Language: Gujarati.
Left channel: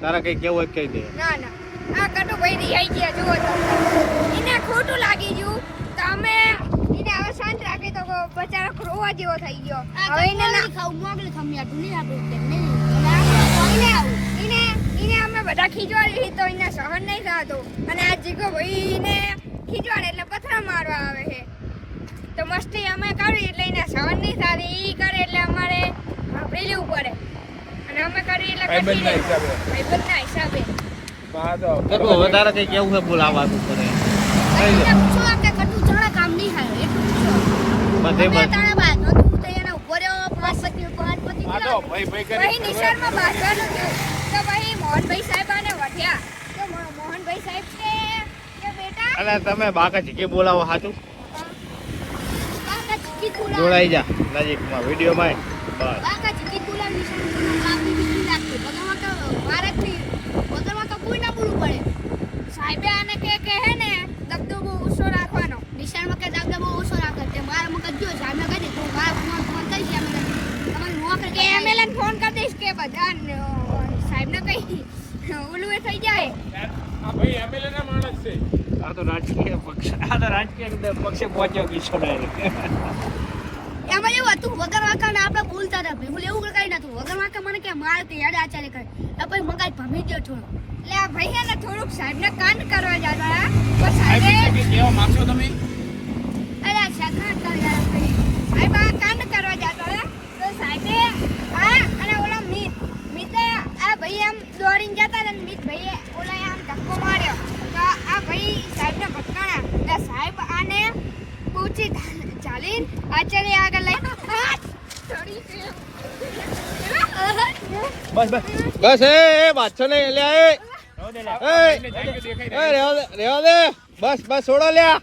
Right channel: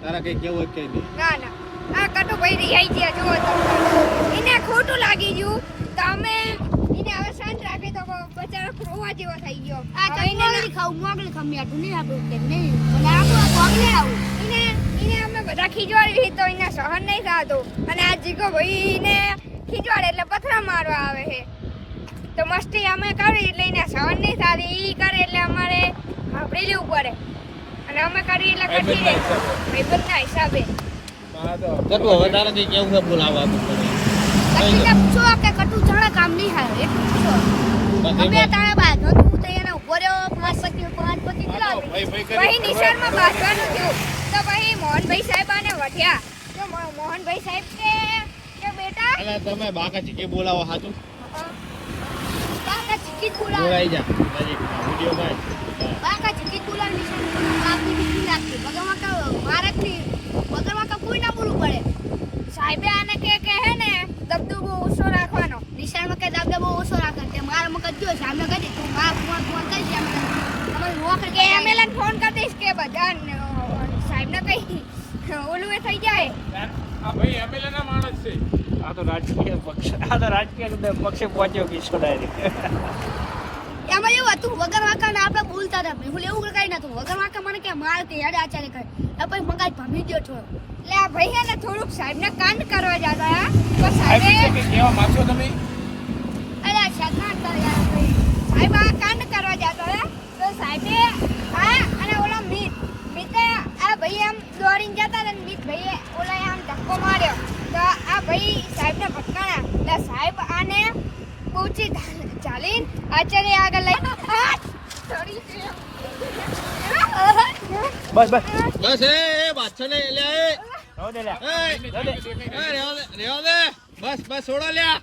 તારા કઈ કેવું કઈ દે. ના ના આ કટુ ભાઈ રિહાઈ ગયા જુઓ તો એને ખોટું લાગી ગયું તો અમે એને હવે શાંત રાખી તો બચારો રોવા જેવો થઈ ગયો આ કઈને ના ખાવ મોગલી ખમ્યા ઢુલી આપણું કે નહીં મને આપણો મોગલી આવું એને અમે બધા ખીજવાડી તો એને સહન નહીં થતું અને આ જીકો ભાઈ ને ખીજવાડે એટલે પથરા મારવા આવે છે તો મસ્તી અમે કરી એટલે એને સહન નહીં થતી ઈ કરે એટલે અમારે સાંભળી લેવું પડે અને અમે કરી એટલે ભાઈબંધના હિસાબે કટુ હવે તારા કઈ કેવું છે બોલ આવવાનું કરે પૂછો કે કટુ ચાળા કામ નહીં થાય એટલું પૂછો બધે અમે તારે બાદ તું તો એને ઉભો રહ્યો 5 ભાઈ નિશાનમાં બાંધવાનું થયું તો ભાઈ મોહનભાઈ સાહેબ આને વઢ્યા તો મોહનભાઈ સાહેબ કે બેટા અલા તમે બાકા ચીકી બોલાવો સાચું બાકા ચીકી કુલા જોડાઈ જા નજીકમાં વિડિયોમાં બસ બાકા ચીકી કુલા નિશાન લાગતી બીજી લાગતી બગલમાં તો ભારતની બગલમાં તો કોઈ ના બોલવું પડે સાહેબે આને કે હે ને દબદબો ઓછો રાખવાનો નિશાનમાં કે દબદબો ઓછો રાખે કે મારા મગજ જો સાહેબને કહી દીધું ફોન કરી દે તમારે નોકર કે એમએલએન ફોન કરી દઈશ કે બધા સાહેબને કઈ ઓલું એ થઈ જાય આ ભાઈ એમએલએ ના માણસ છે આ તો રાજકીય પક્ષે પહોંચ્યો પીછો ડાયરેક્ટ એમાં એવું હતું વગર વાંકા ને આપણે બોલતા હતા હું એવું કઈ નતું વગર વાંકા મને કે માર તે યાદ આચાર્ય કરે પછી મગાજ ભમી ગયો થોડો એટલે આ ભાઈ હે ને થોડુંક સાહેબને કાંડ કરવા જતા હતા પણ સાહેબે કેવા માંગશો તમે અરે શેતાન કર યાર ભાઈ સાહેબ આ કાંડ કરવા જતા હતા તો સાહેબે અને ઓલા મિતે આ ભાઈ આમ દોડીને જતા હતા મિત ભાઈએ ઓલા આમ ધક્કો માર્યો તો આ ભાઈ સાહેબને ભટકાણા એટલે સાહેબ આને પૂછી ચાલીને આચાર્ય આગળ લઈ બસ એ બાદશો ને લે એ રેવા દે બસ છોડો લ્યા